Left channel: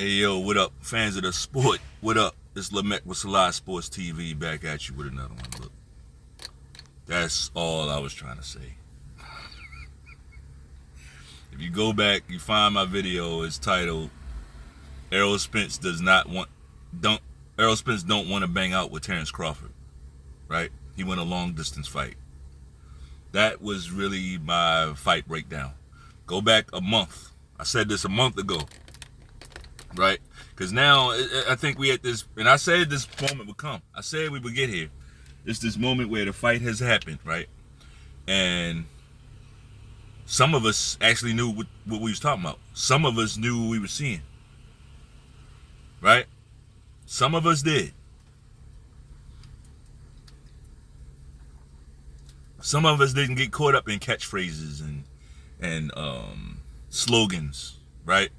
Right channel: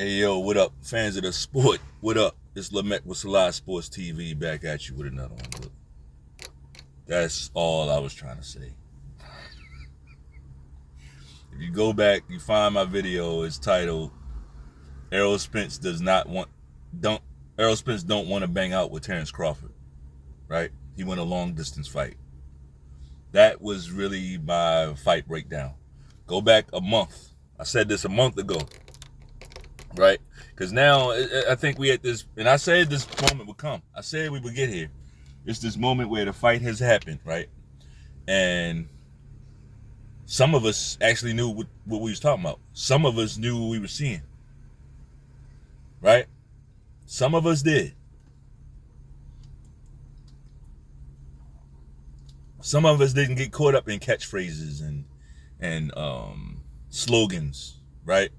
Hey yo, what up, fans of the sport? What up? It's Lamech with Selah Sports TV back at you with another one. Look, that's all I was trying to say. If you go back, you find my video. It's titled Spence don't want to bang out with Terrence Crawford, right? He went a long distance fight. That was really my fight breakdown. Go back a month. I said this a month ago, right? Because now I think we at this, and I said this moment would come. I said we would get here. It's this moment where the fight has happened, right? And some of us actually knew what we was talking about. Some of us knew what we were seeing, right? Some of us did. Some of us didn't get caught up in catchphrases and slogans, right?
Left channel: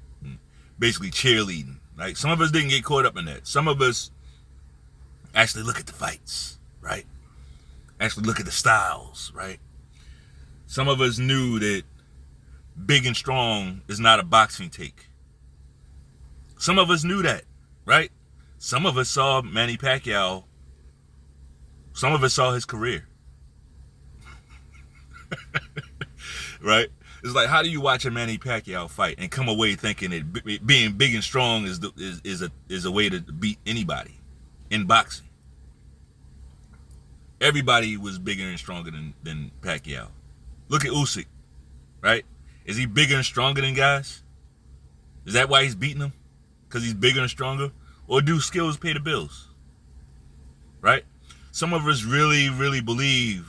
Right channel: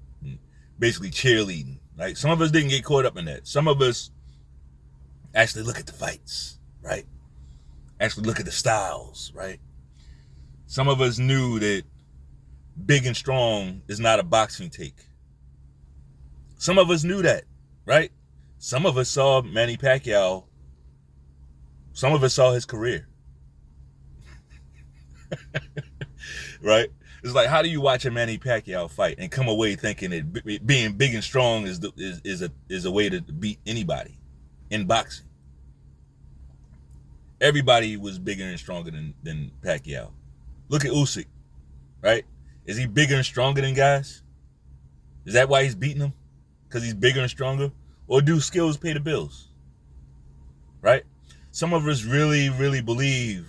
Basically cheerleading. Right? Some of us didn't get caught up in that. Some of us actually look at the fights, right? Actually look at the styles, right? Some of us knew that big and strong is not a boxing take. Some of us knew that, right? Some of us saw Manny Pacquiao. Some of us saw his career. Right? It's like, how do you watch a Manny Pacquiao fight and come away thinking that being big and strong is a way to beat anybody in boxing? Everybody was bigger and stronger than Pacquiao. Look at Usyk, right? Is he bigger and stronger than guys? Is that why he's beating them? Because he's bigger and stronger? Or do skills pay the bills? Right? Some of us really believe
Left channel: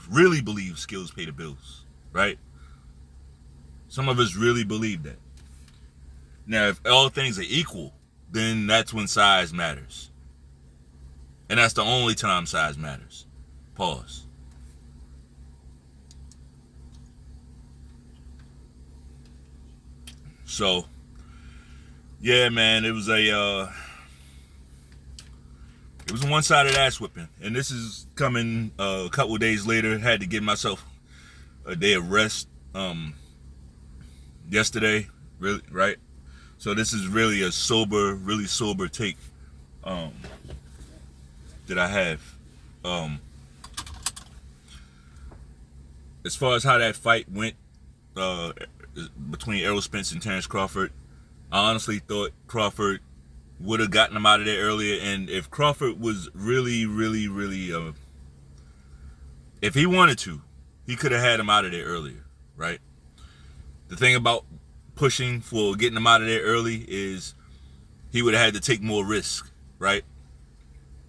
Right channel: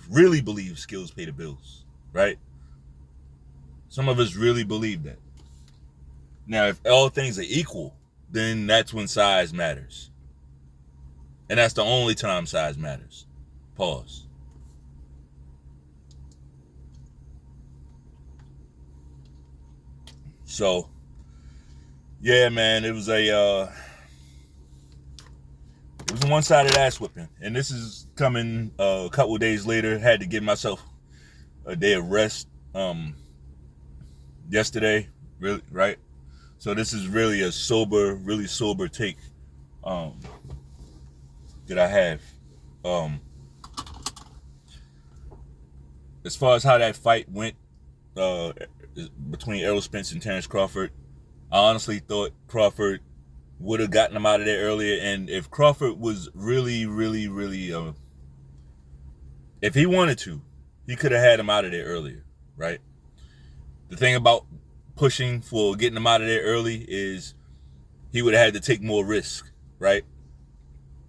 skills pay the bills, right? Some of us really believe that. Now, if all things are equal, then that's when size matters. And that's the only time size matters. Pause. So, yeah, man, it was a one-sided ass whipping. And this is coming a couple days later. Had to give myself a day of rest. Yesterday, really, right? So this is really a really sober take that I have. As far as how that fight went between Errol Spence and Terrence Crawford, I honestly thought Crawford would have gotten him out of there earlier. And if Crawford was really, if he wanted to, he could have had him out of there earlier, right? The thing about pushing for getting him out of there early is he would have had to take more risk, right?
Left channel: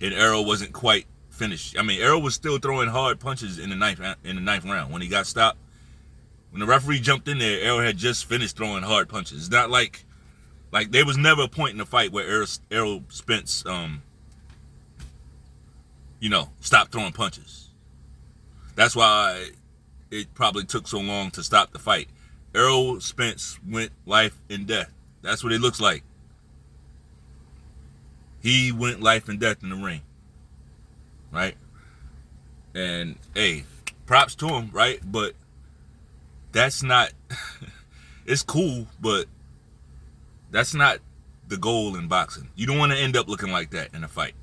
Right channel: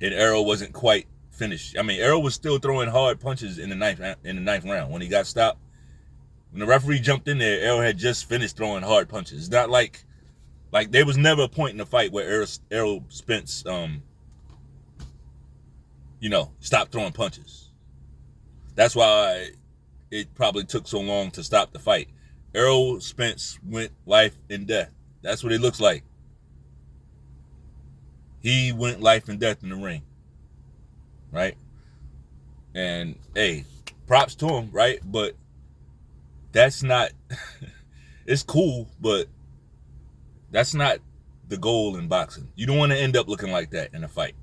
And Errol wasn't quite finished. I mean, Errol was still throwing hard punches in the ninth round when he got stopped. When the referee jumped in there, Errol had just finished throwing hard punches. It's not like there was never a point in the fight where Errol Spence, stopped throwing punches. That's why it probably took so long to stop the fight. Errol Spence went life and death. That's what it looks like. He went life and death in the ring, right? And hey, props to him, right? But that's not, it's cool, but that's not the goal in boxing. You don't want to end up looking like that in a fight.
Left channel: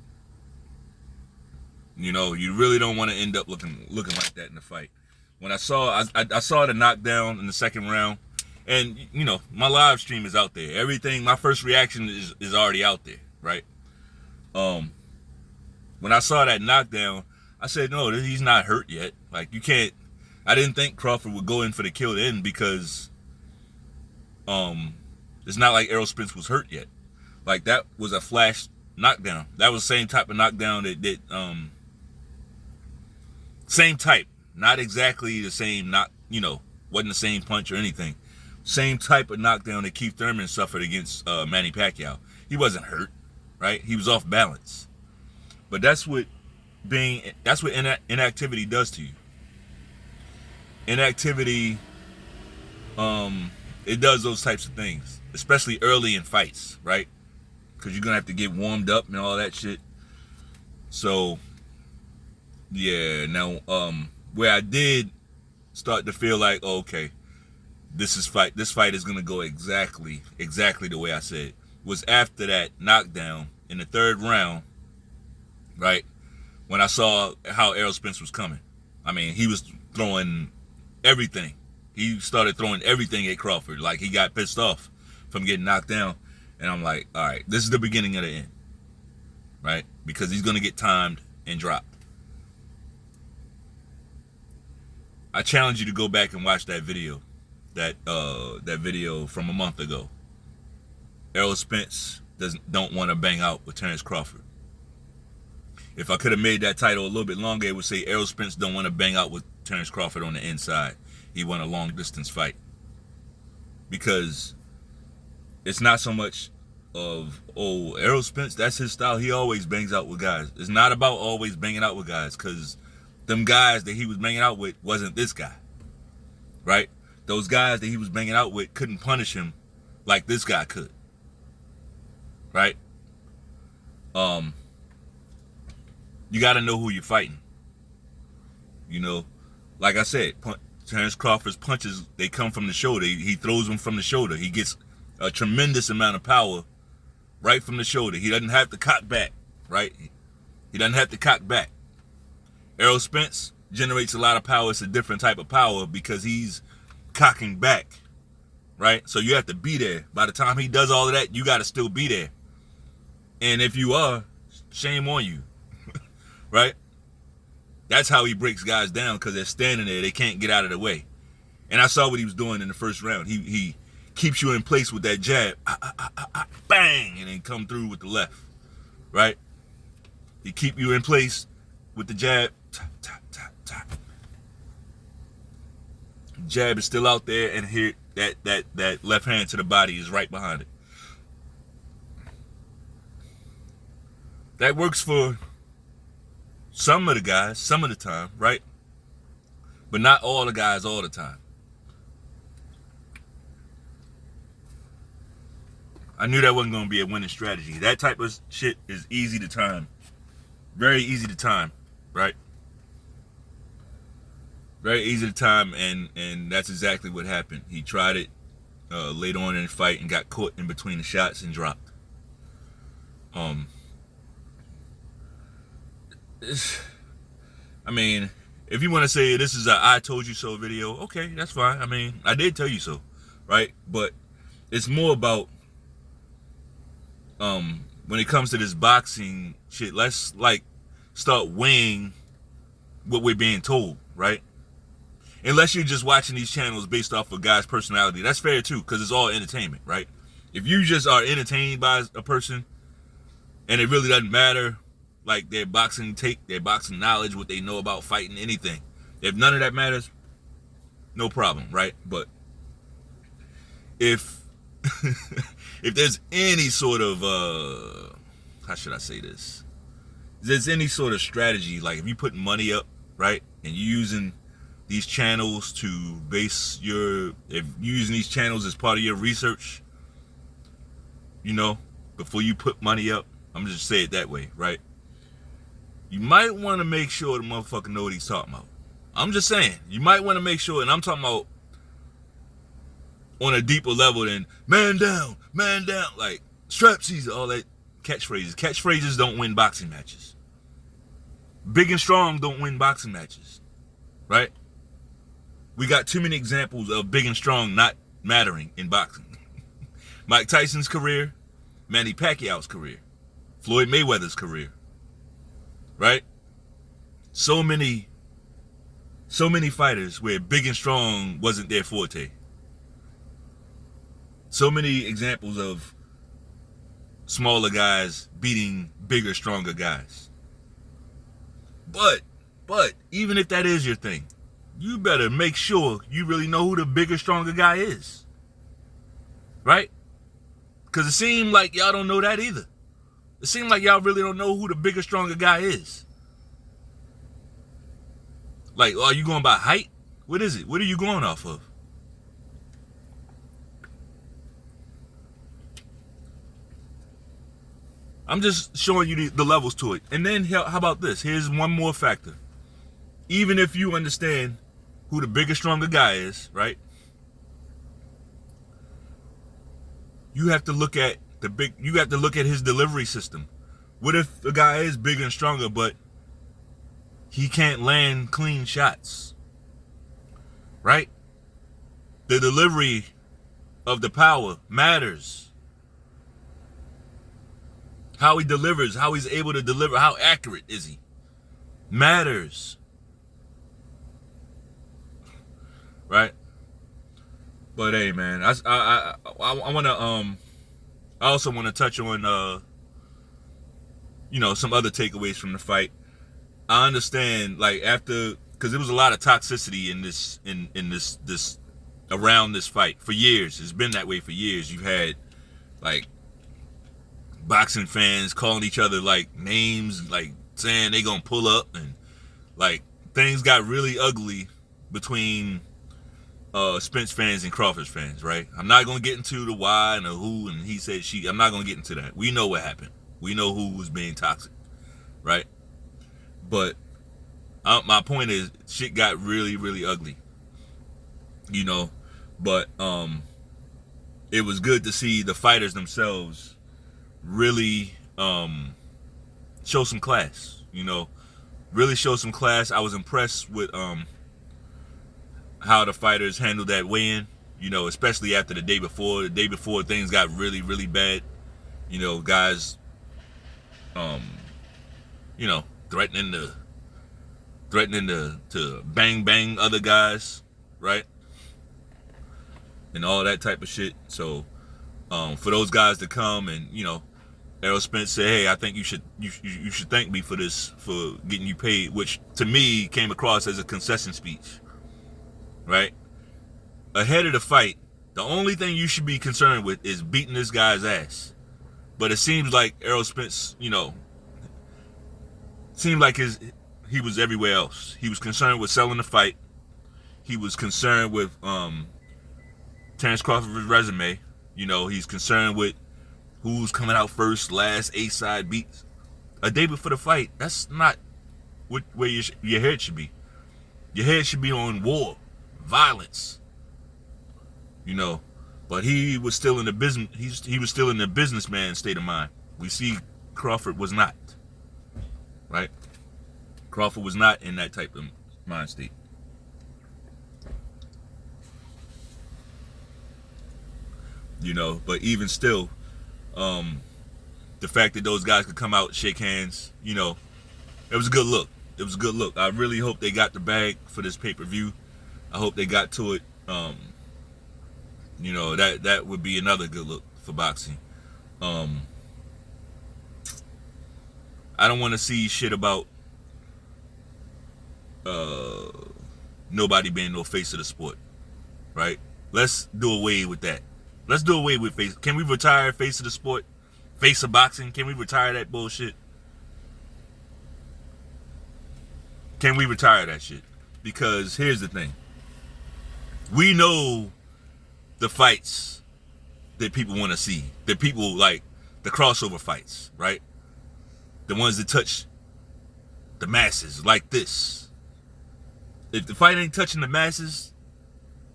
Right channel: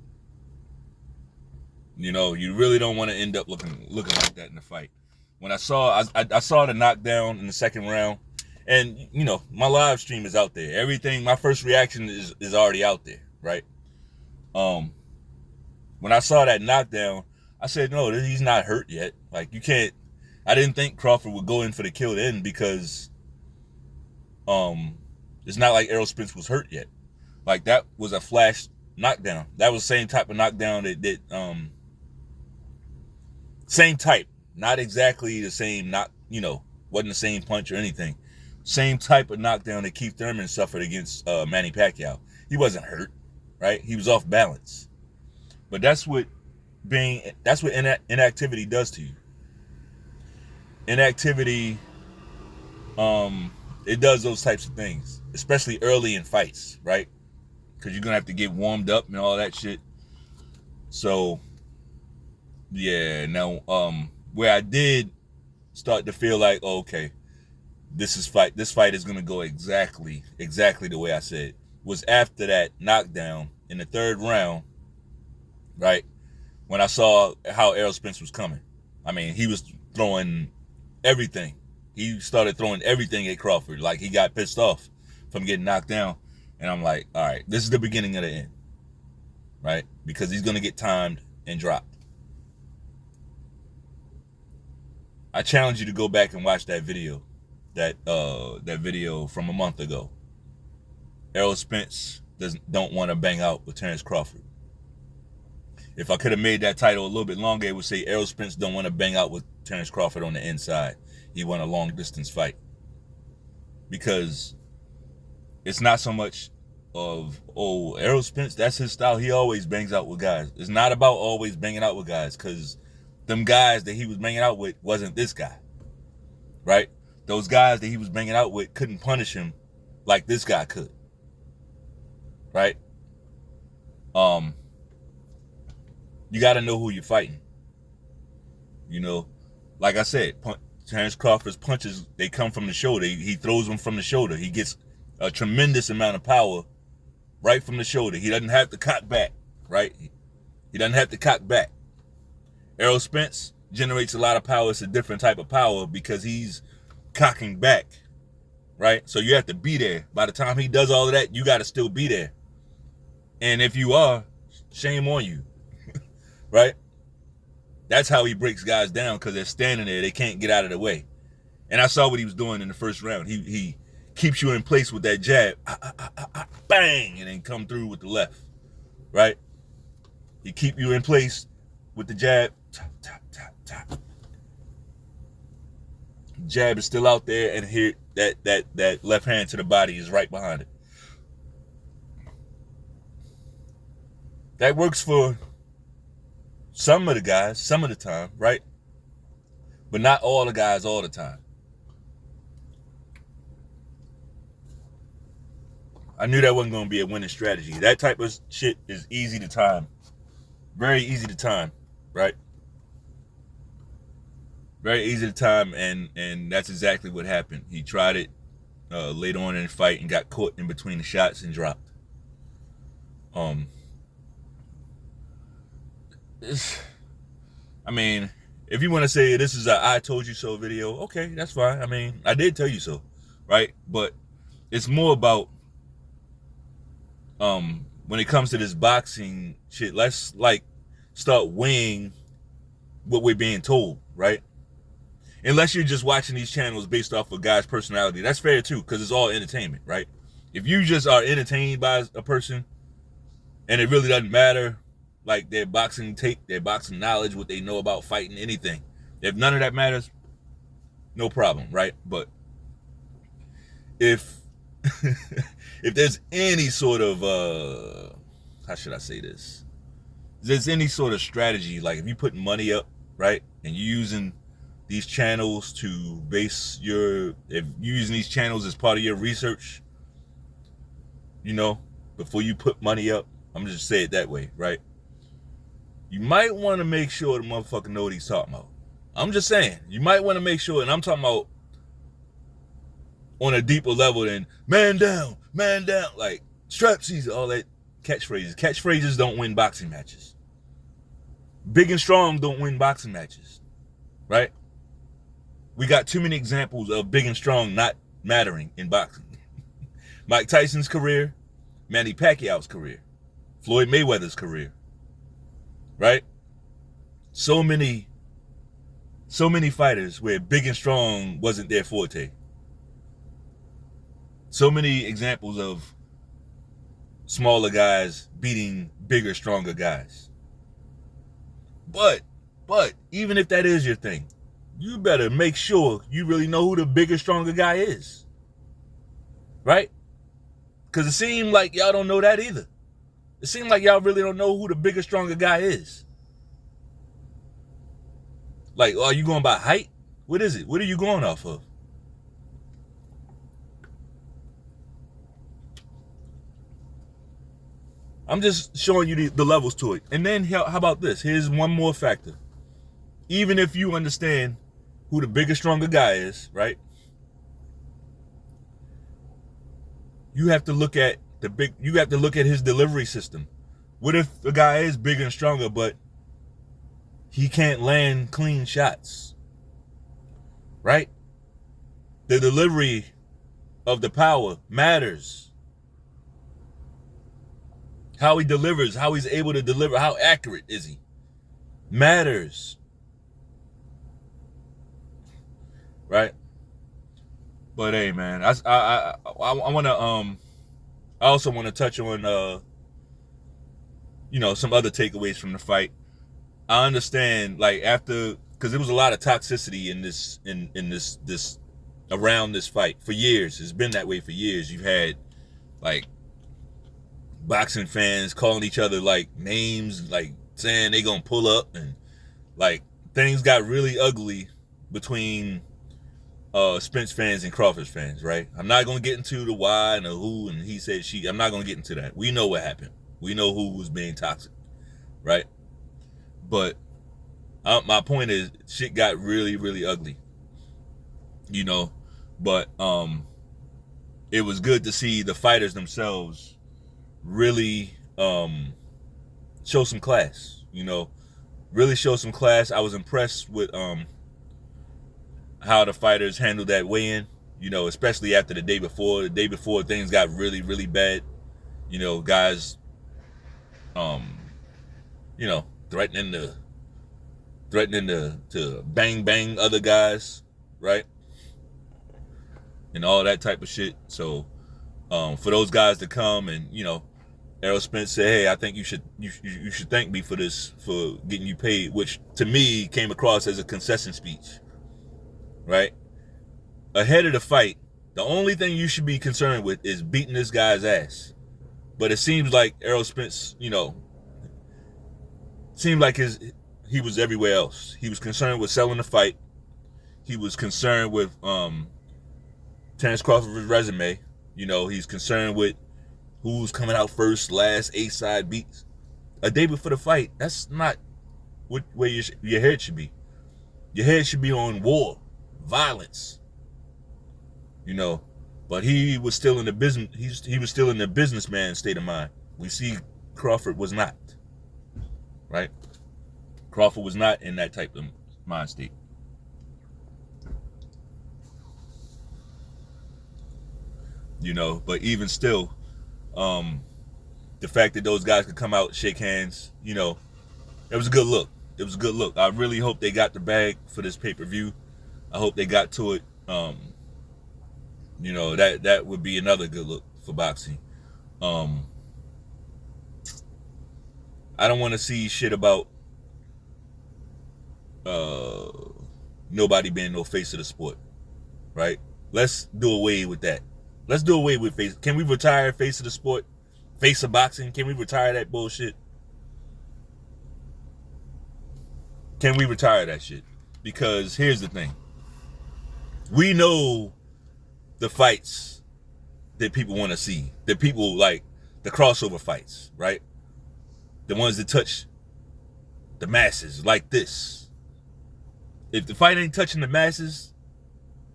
You really don't want to end up looking like that in a fight. When I saw the knockdown in the second round, and my live stream is out there. Everything, my first reaction is already out there, right? When I saw that knockdown, I said, no, he's not hurt yet. Like, you can't. I didn't think Crawford would go in for the kill then because it's not like Errol Spence was hurt yet. Like, that was a flash knockdown. That was the same type of knockdown that same type. Not exactly the same, wasn't the same punch or anything. Same type of knockdown that Keith Thurman suffered against Manny Pacquiao. He wasn't hurt, right? He was off balance. But that's what inactivity does to you. Inactivity, it does those types of things, especially early in fights, right? Because you're going to have to get warmed up and all that shit. So, yeah, now, where I did start to feel like, oh, okay, this fight is gonna go exactly the way I said. was after that knockdown in the 3rd round, right? When I saw how Errol Spence was coming. I mean, he was throwing everything. He started throwing everything at Crawford. Like, he got pissed off from getting knocked down. And I'm like, all right, this is the beginning of the end, right? Because he's going to get timed and dropped. I challenge you to go back and watch that video, that video from a month ago. Errol Spence don't want to bang out with Terrence Crawford. If I could have made that title a little bit longer, it would say Errol Spence don't want to bang out with Terrence Crawford on the inside. He won a long distance fight. Because it's not so much of, oh, Errol Spence, that's his style. He always bangs out with guys. It's not about always banging out with guys, because them guys that he was banging out with wasn't this guy, right? Those guys that he was banging out with couldn't punish him like this guy could, right? You got to know who you're fighting. You know, like I said, Terrence Crawford's punches, they come from the shoulder. He throws them from the shoulder. He gets a tremendous amount of power right from the shoulder. He doesn't have to cock back, right? He doesn't have to cock back. Errol Spence generates a lot of power. It's a different type of power because he's cocking back, right? So you have to be there. By the time he does all of that, you got to still be there. And if you are, shame on you, right? That's how he breaks guys down, because they're standing there. They can't get out of the way. And I saw what he was doing in the 1st round. He keeps you in place with that jab, bang, and then come through with the left, right? He keep you in place with the jab, tap, tap, tap, tap. Jab is still out there, and here that left hand to the body is right behind it. That works for some of the guys, some of the time, right? But not all the guys all the time. I knew that wasn't going to be a winning strategy. That type of shit is easy to time. Very easy to time, right? Very easy to time, and that's exactly what happened. He tried it later on in the fight and got caught in between the shots and dropped. I mean, if you want to say this is a I told you so video, okay, that's fine. I mean, I did tell you so, right? But it's more about when it comes to this boxing shit, let's like start weighing what we're being told, right? Unless you're just watching these channels based off of guys' personality, that's fair too, because it's all entertainment, right? If you just are entertained by a person and it really doesn't matter, like their boxing take, their boxing knowledge, what they know about fighting, anything, if none of that matters, no problem, right? But if if there's any sort of how should I say this? If there's any sort of strategy, like if you put money up, right, and you're using these channels to base your, if you're using these channels as part of your research, you know, before you put money up, I'm just say it that way, right? You might want to make sure the motherfucker know what he's talking about. I'm just saying, you might want to make sure, and I'm talking about on a deeper level than man down, like strap season, all that catchphrases. Catchphrases don't win boxing matches. Big and strong don't win boxing matches, right? We got too many examples of big and strong not mattering in boxing. Mike Tyson's career, Manny Pacquiao's career, Floyd Mayweather's career, right? So many fighters where big and strong wasn't their forte. So many examples of smaller guys beating bigger, stronger guys. But even if that is your thing, you better make sure you really know who the bigger, stronger guy is. Right? Because it seemed like y'all don't know that either. It seemed like y'all really don't know who the bigger, stronger guy is. Like, are you going by height? What is it? What are you going off of? I'm just showing you the levels to it. And then how about this? Here's one more factor. Even if you understand who the bigger, stronger guy is, right? You have to look at You got to look at his delivery system. What if the guy is bigger and stronger, but he can't land clean shots? Right? The delivery of the power matters. How he delivers, how he's able to deliver, how accurate is he? Matters. Right? But hey, man, I want to I also want to touch on some other takeaways from the fight. I understand, like, after, because there was a lot of toxicity in this around this fight for years. It's been that way for years. You've had, like, boxing fans calling each other, like, names, like saying they gonna pull up, and like things got really ugly between Spence fans and Crawford fans, right? I'm not gonna get into the why and the who and he said she. I'm not gonna get into that. We know what happened. We know who was being toxic, right? But my point is, shit got really, really ugly, But it was good to see the fighters themselves really show some class, really show some class. I was impressed with how the fighters handled that weigh-in, especially after the day before. The day before, things got really, really bad. Guys, threatening to bang other guys, right? And all that type of shit. So for those guys to come and, Errol Spence said, hey, I think you should thank me for this, for getting you paid, which to me came across as a concession speech, right? Ahead of the fight, the only thing you should be concerned with is beating this guy's ass. But it seems like Errol Spence, seemed like he was everywhere else. He was concerned with selling the fight. He was concerned with Terrence Crawford's resume. He's concerned with who's coming out first, last, A-side beats. A day before the fight, that's not where your head should be. Your head should be on war, violence. But he was still in the business. He was still in the businessman state of mind. We see Crawford was not. Right? Crawford was not in that type of mind state. But even still, the fact that those guys could come out and shake hands, it was a good look. It was a good look. I really hope they got the bag for this pay-per-view. I hope they got to it. That would be another good look for boxing. I don't want to see shit about nobody being no face of the sport, right? Let's do away with that. Let's do away with face. Can we retire face of the sport? Face of boxing? Can we retire that bullshit? Can we retire that shit? Because here's the thing. We know the fights that people want to see. That people like, the crossover fights, right? The ones that touch the masses like this. If the fight ain't touching the masses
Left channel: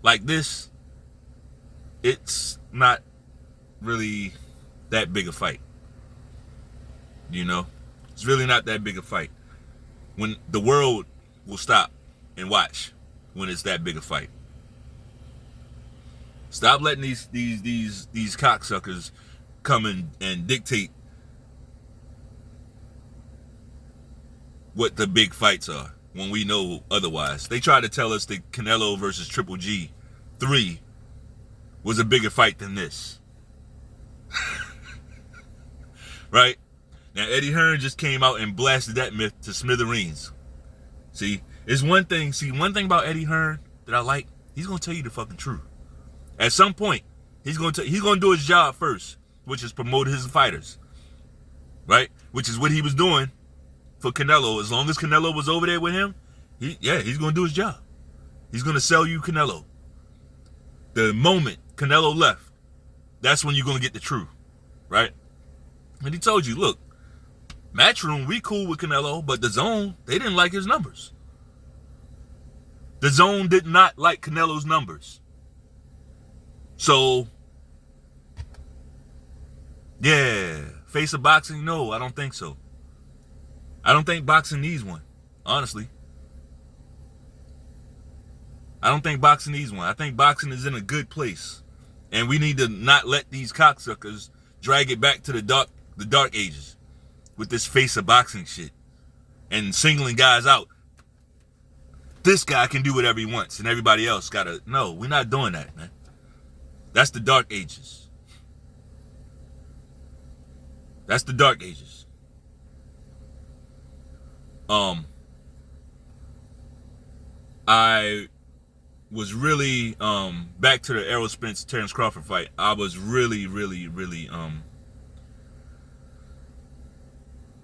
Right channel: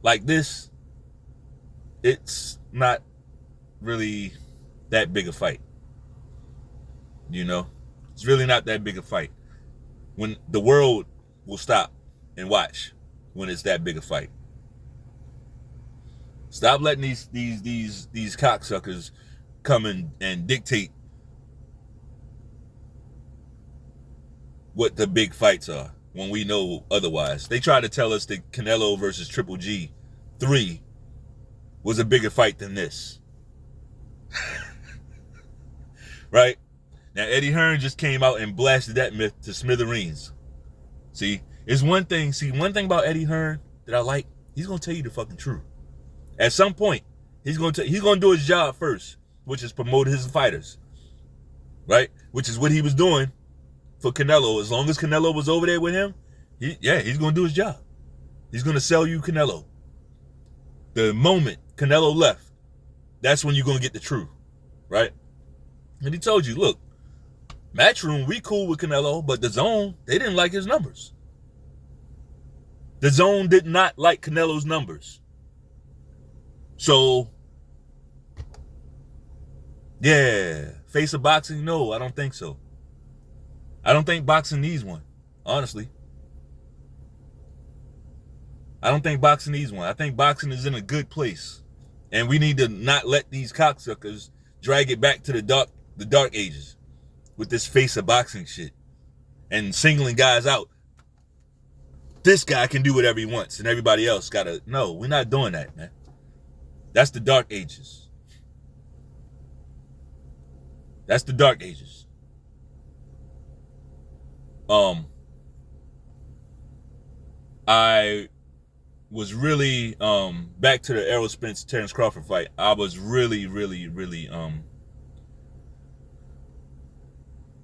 like this, it's not really that big a fight. It's really not that big a fight. When the world will stop and watch when it's that big a fight. Stop letting these cocksuckers come and dictate what the big fights are when we know otherwise. They try to tell us that Canelo versus Triple G 3 was a bigger fight than this. Right? Now, Eddie Hearn just came out and blasted that myth to smithereens. See, one thing about Eddie Hearn that I like, he's going to tell you the fucking truth. At some point, he's going to do his job first, which is promote his fighters. Right? Which is what he was doing for Canelo. As long as Canelo was over there with him, he's going to do his job. He's going to sell you Canelo. The moment Canelo left, that's when you're going to get the truth, right? And he told you, look, Matchroom, we cool with Canelo, but the Zone, they didn't like his numbers. The Zone did not like Canelo's numbers. So Yeah. Face of boxing? No, I don't think so. I don't think boxing needs one, honestly. I don't think boxing needs one. I think boxing is in a good place. And we need to not let these cocksuckers drag it back to the dark ages with this face of boxing shit and singling guys out. This guy can do whatever he wants and everybody else gotta. No, we're not doing that, man. That's the dark ages. That's the dark ages. I was really back to the Errol Spence Terrence Crawford fight. I was really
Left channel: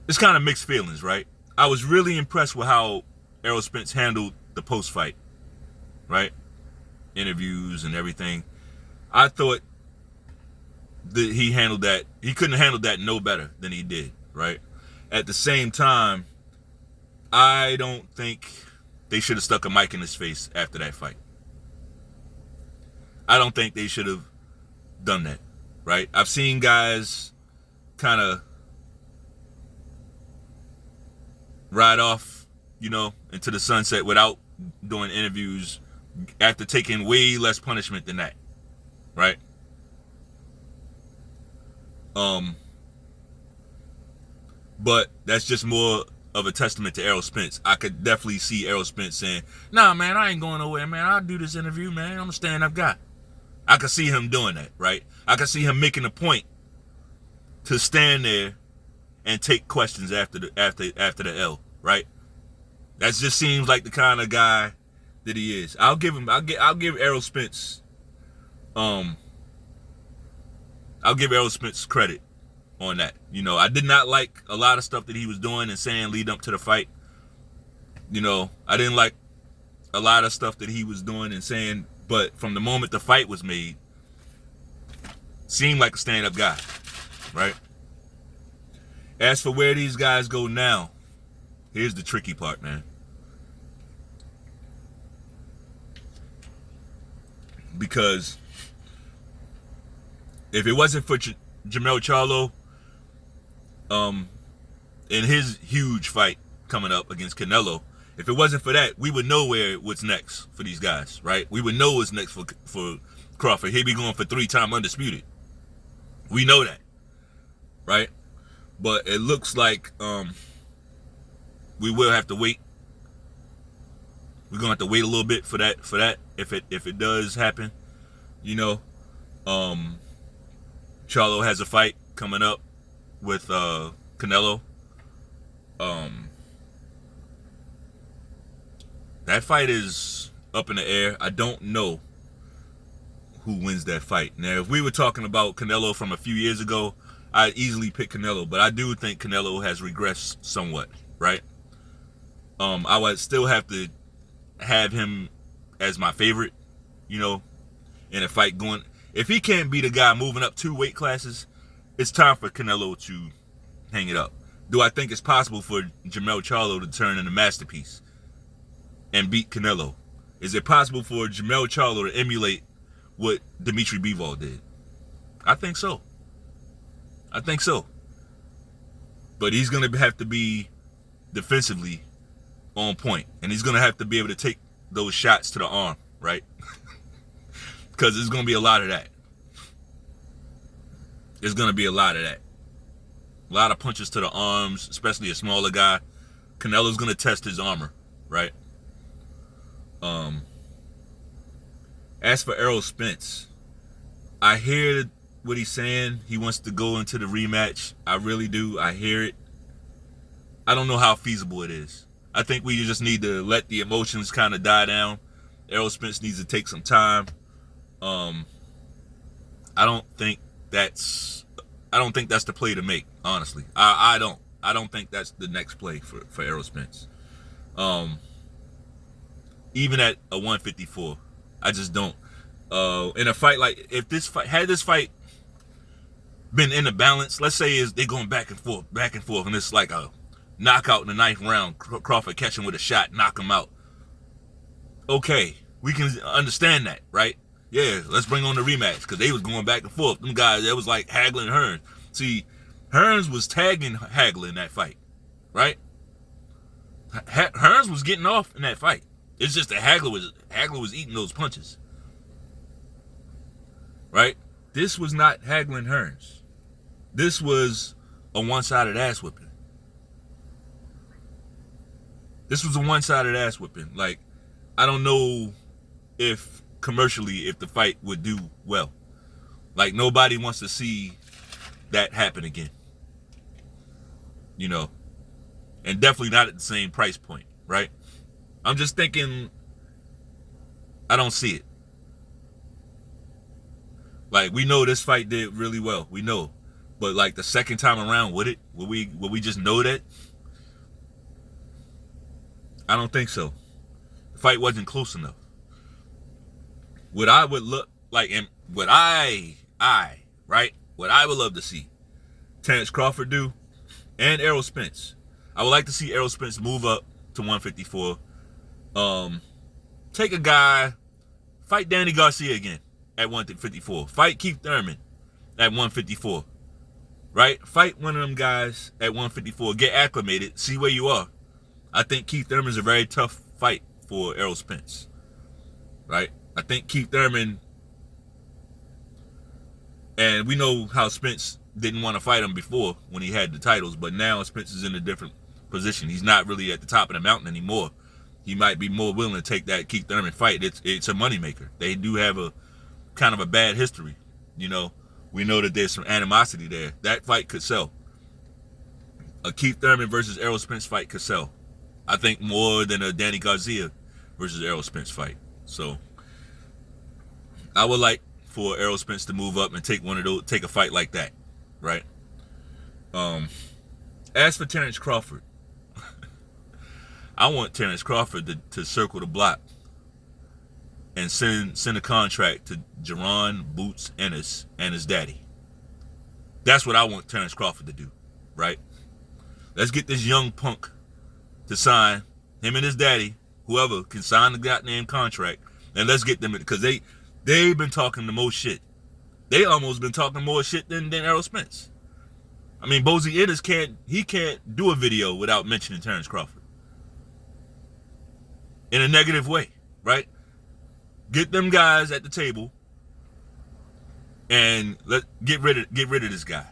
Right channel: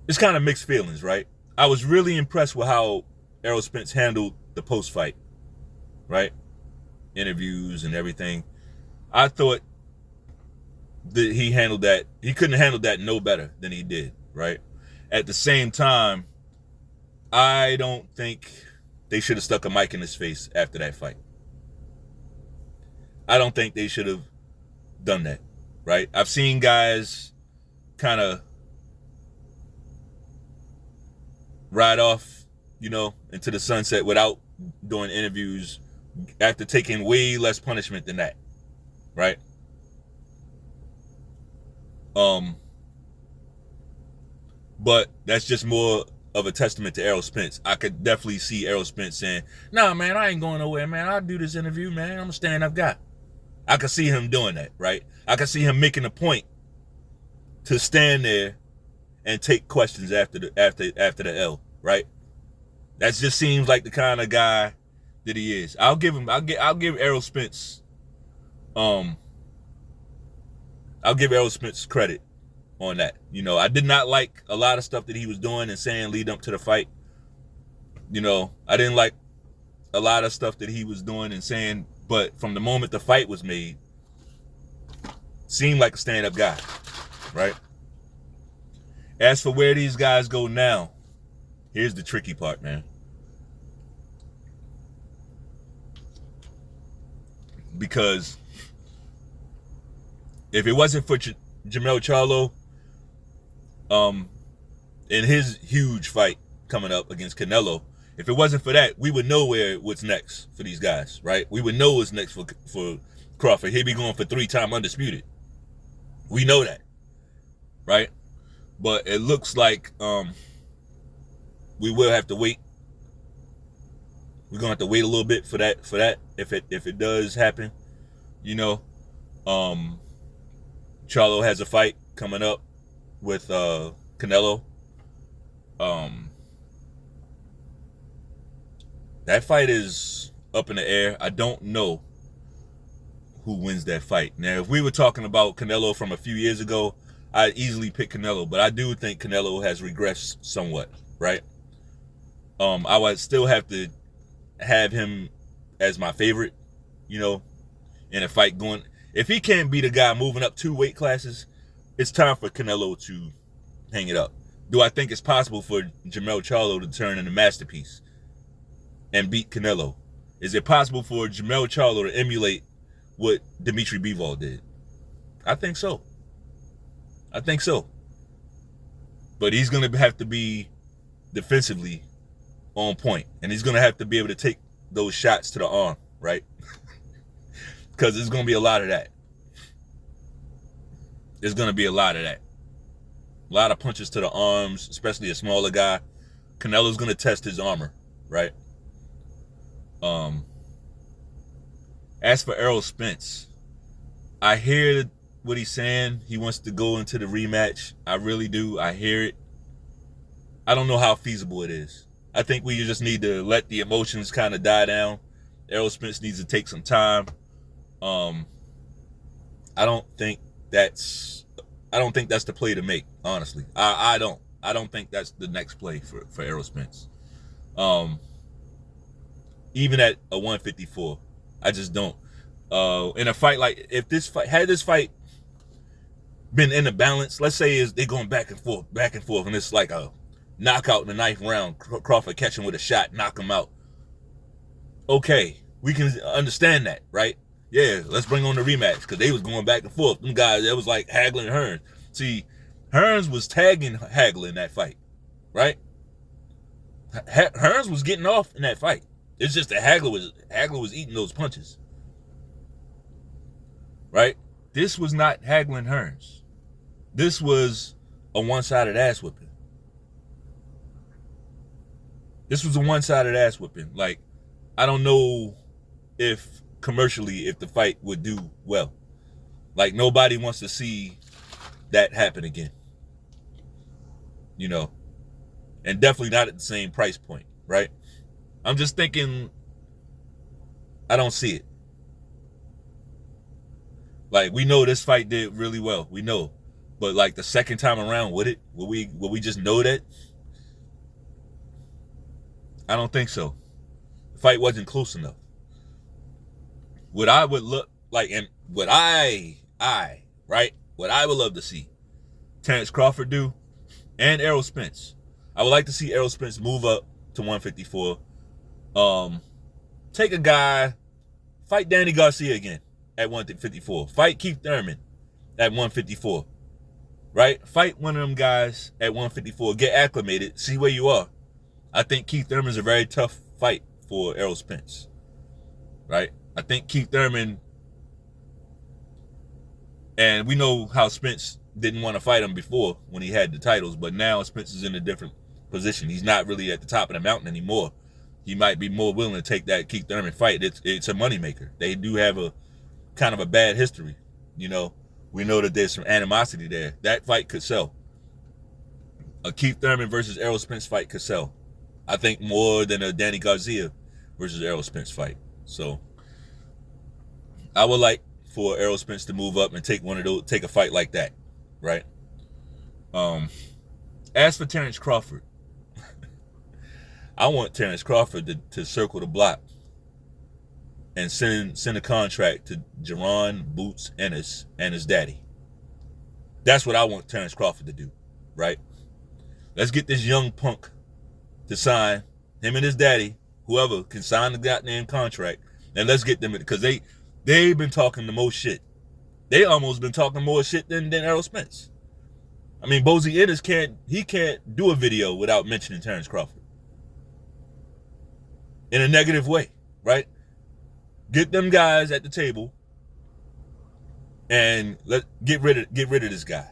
it's kind of mixed feelings, right? I was really impressed with how Errol Spence handled the post fight, right? Interviews and everything. I thought that he couldn't have handled that no better than he did, right? At the same time, I don't think they should have stuck a mic in his face after that fight. I don't think they should have done that, right? I've seen guys kind of ride off, into the sunset without doing interviews after taking way less punishment than that, right? But that's just more of a testament to Errol Spence. I could definitely see Errol Spence saying, "Nah, man, I ain't going nowhere, man. I'll do this interview, man. I'm a stand-up guy." I could see him doing that, right? I could see him making a point to stand there and take questions after the L, right? That just seems like the kind of guy that he is. I'll give Errol Spence credit on that. I did not like a lot of stuff that he was doing and saying lead up to the fight. I didn't like a lot of stuff that he was doing and saying, but from the moment the fight was made, seemed like a stand-up guy, right? As for where these guys go now, here's the tricky part, man. Because if it wasn't for Jermell Charlo, in his huge fight coming up against Canelo, if it wasn't for that, we would know what's next for these guys, right? We would know what's next for Crawford. He'd be going for 3-time undisputed. We know that, right? But it looks like we will have to wait. We're gonna have to wait a little bit for that. If it does happen, Charlo has a fight coming up with Canelo. That fight is up in the air. I don't know who wins that fight. Now, if we were talking about Canelo from a few years ago, I'd easily pick Canelo, but I do think Canelo has regressed somewhat, right? I would still have to have him as my favorite, in a fight going. If he can't beat a guy moving up 2 weight classes, it's time for Canelo to hang it up. Do I think it's possible for Jermell Charlo to turn in a masterpiece and beat Canelo? Is it possible for Jermell Charlo to emulate what Dimitri Bivol did? I think so. But he's going to have to be defensively on point, and he's going to have to be able to take those shots to the arm, right? Because there's going to be a lot of that. There's going to be a lot of that. A lot of punches to the arms, especially a smaller guy. Canelo's going to test his armor, right? As for Errol Spence, I hear what he's saying. He wants to go into the rematch. I really do. I hear it. I don't know how feasible it is. I think we just need to let the emotions kind of die down. Errol Spence needs to take some time. I don't think that's the play to make, honestly. I don't think that's the next play for Errol Spence. Even at a 154, I just don't. In a fight like, if this fight been in the balance, let's say they going back and forth, and it's like a knockout in the 9th round, Crawford catch him with a shot, knock him out. Okay, we can understand that, right? Yeah, let's bring on the rematch, because they was going back and forth. Them guys, it was like haggling Hearns. See, Hearns was tagging Hagler in that fight, right? Hearns was getting off in that fight. It's just that Hagler was eating those punches, right? This was not Hagler and Hearns. This was a one-sided ass whipping. This was a one-sided ass whipping. Like, I don't know if commercially if the fight would do well. Like, nobody wants to see that happen again. You know, and definitely not at the same price point, right? I'm just thinking, I don't see it. Like, we know this fight did really well. We know. But like the second time around, would we just know that? I don't think so. The fight wasn't close enough. What I would look like, and what I would love to see Terrence Crawford do, and Errol Spence. I would like to see Errol Spence move up to 154. Take a guy, fight Danny Garcia again at 154. Fight Keith Thurman at 154. Right? Fight one of them guys at 154. Get acclimated. See where you are. I think Keith Thurman's a very tough fight for Errol Spence. Right? I think Keith Thurman, and we know how Spence didn't want to fight him before when he had the titles, but now Spence is in a different position. He's not really at the top of the mountain anymore. He might be more willing to take that Keith Thurman fight. It's a moneymaker. They do have a kind of a bad history. You know, we know that there's some animosity there. That fight could sell. A Keith Thurman versus Errol Spence fight could sell. I think more than a Danny Garcia versus Errol Spence fight. So I would like for Errol Spence to move up and take a fight like that, right? As for Terrence Crawford, I want Terrence Crawford to circle the block and send a contract to Jaron Boots Ennis and his daddy. That's what I want Terrence Crawford to do, right? Let's get this young punk to sign, him and his daddy, whoever can sign the goddamn contract, and let's get them, because they've been talking the most shit. They almost been talking more shit than Errol Spence. I mean, Bozy Ennis can't do a video without mentioning Terrence Crawford in a negative way, right? Get them guys at the table and get rid of this guy,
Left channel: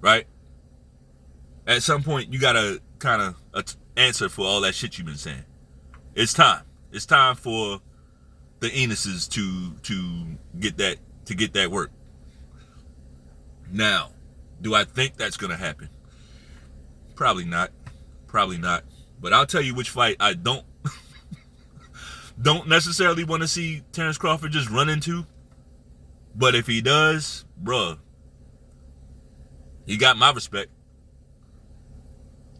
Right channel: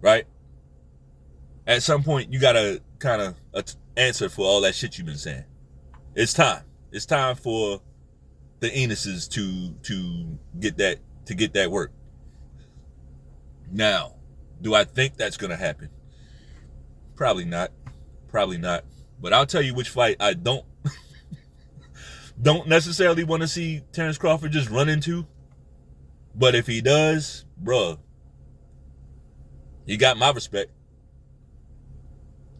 right? At some point, you gotta kind of answer for all that shit you've been saying. It's time. It's time for the Enuses to get that work. Now, do I think that's gonna happen? Probably not. But I'll tell you which fight I don't necessarily want to see Terrence Crawford just run into. But if he does, bruh, he got my respect.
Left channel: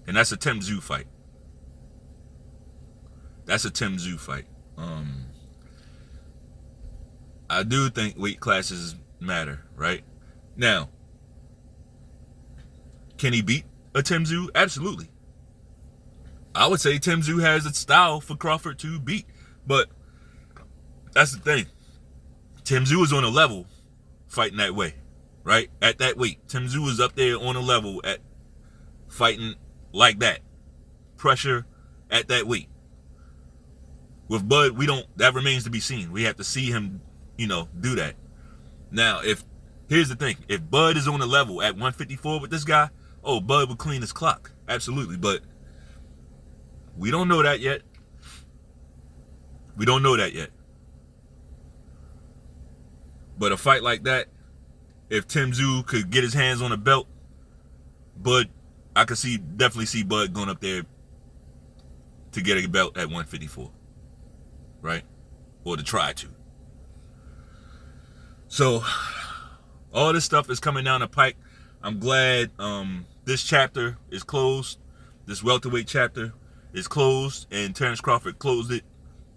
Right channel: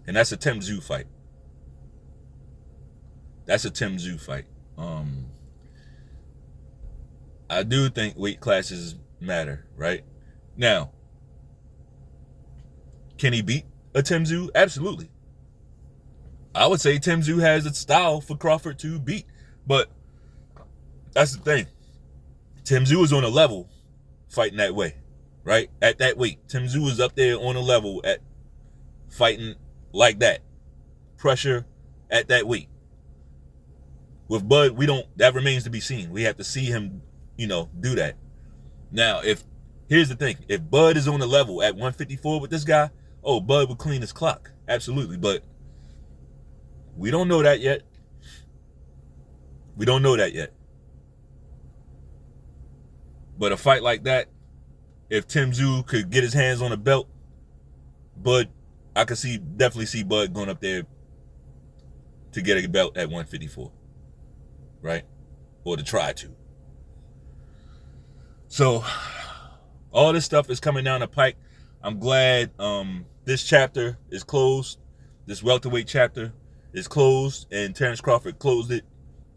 And that's a Tim Tszyu fight. I do think weight classes matter, right? Now, can he beat a Tim Tszyu? Absolutely. I would say Tim Tszyu has a style for Crawford to beat. But that's the thing. Tim Tszyu is on a level fighting that way, right? At that weight. Tim Tszyu is up there on a level at fighting like that. Pressure at that weight. With Bud, that remains to be seen. We have to see him, do that. Now, here's the thing. If Bud is on a level at 154 with this guy, Bud would clean his clock. Absolutely. But we don't know that yet. But a fight like that, if Tim Tszyu could get his hands on a belt, Bud, I could definitely see Bud going up there to get a belt at 154, right? Or to try to. So, all this stuff is coming down the pike. I'm glad this chapter is closed. This welterweight chapter is closed, and Terrence Crawford closed it.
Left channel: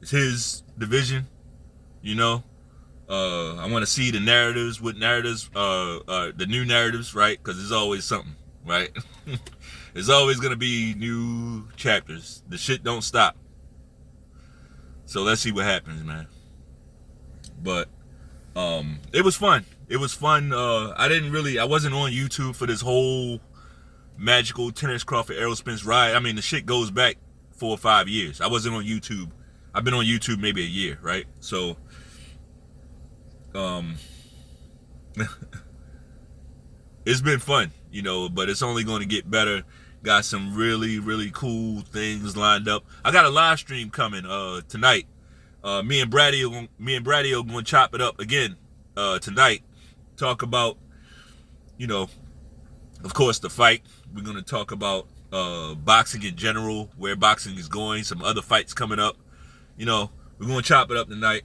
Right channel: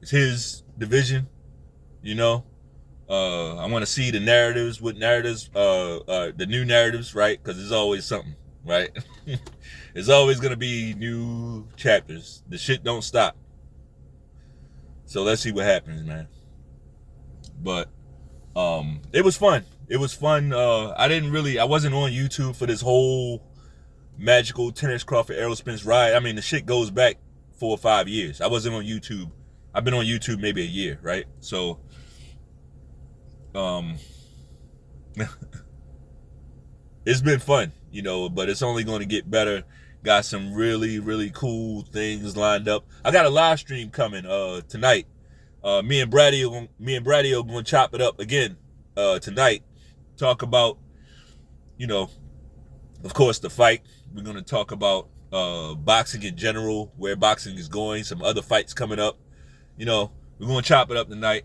It's his division, I want to see the narratives, the new narratives, right? Because there's always something, right? There's always going to be new chapters. The shit don't stop. So let's see what happens, man. But it was fun. it was fun. I wasn't on YouTube for this whole magical Terrence Crawford Errol Spence ride. I mean, the shit goes back 4 or 5 years. I wasn't on YouTube. I've been on YouTube maybe a year, right? So, it's been fun, but it's only going to get better. Got some really, really cool things lined up. I got a live stream coming tonight. Me and Brady are going to chop it up again tonight. Talk about, of course, the fight. We're going to talk about boxing in general, where boxing is going, some other fights coming up. We're going to chop it up tonight.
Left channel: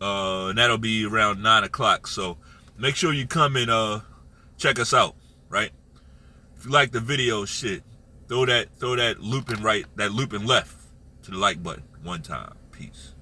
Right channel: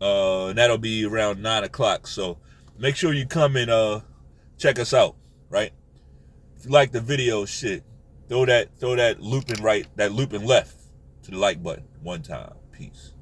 And that'll be around 9 o'clock. So make sure you come and check us out, right? If you like the video, shit, throw that looping left to the like button one time. Peace.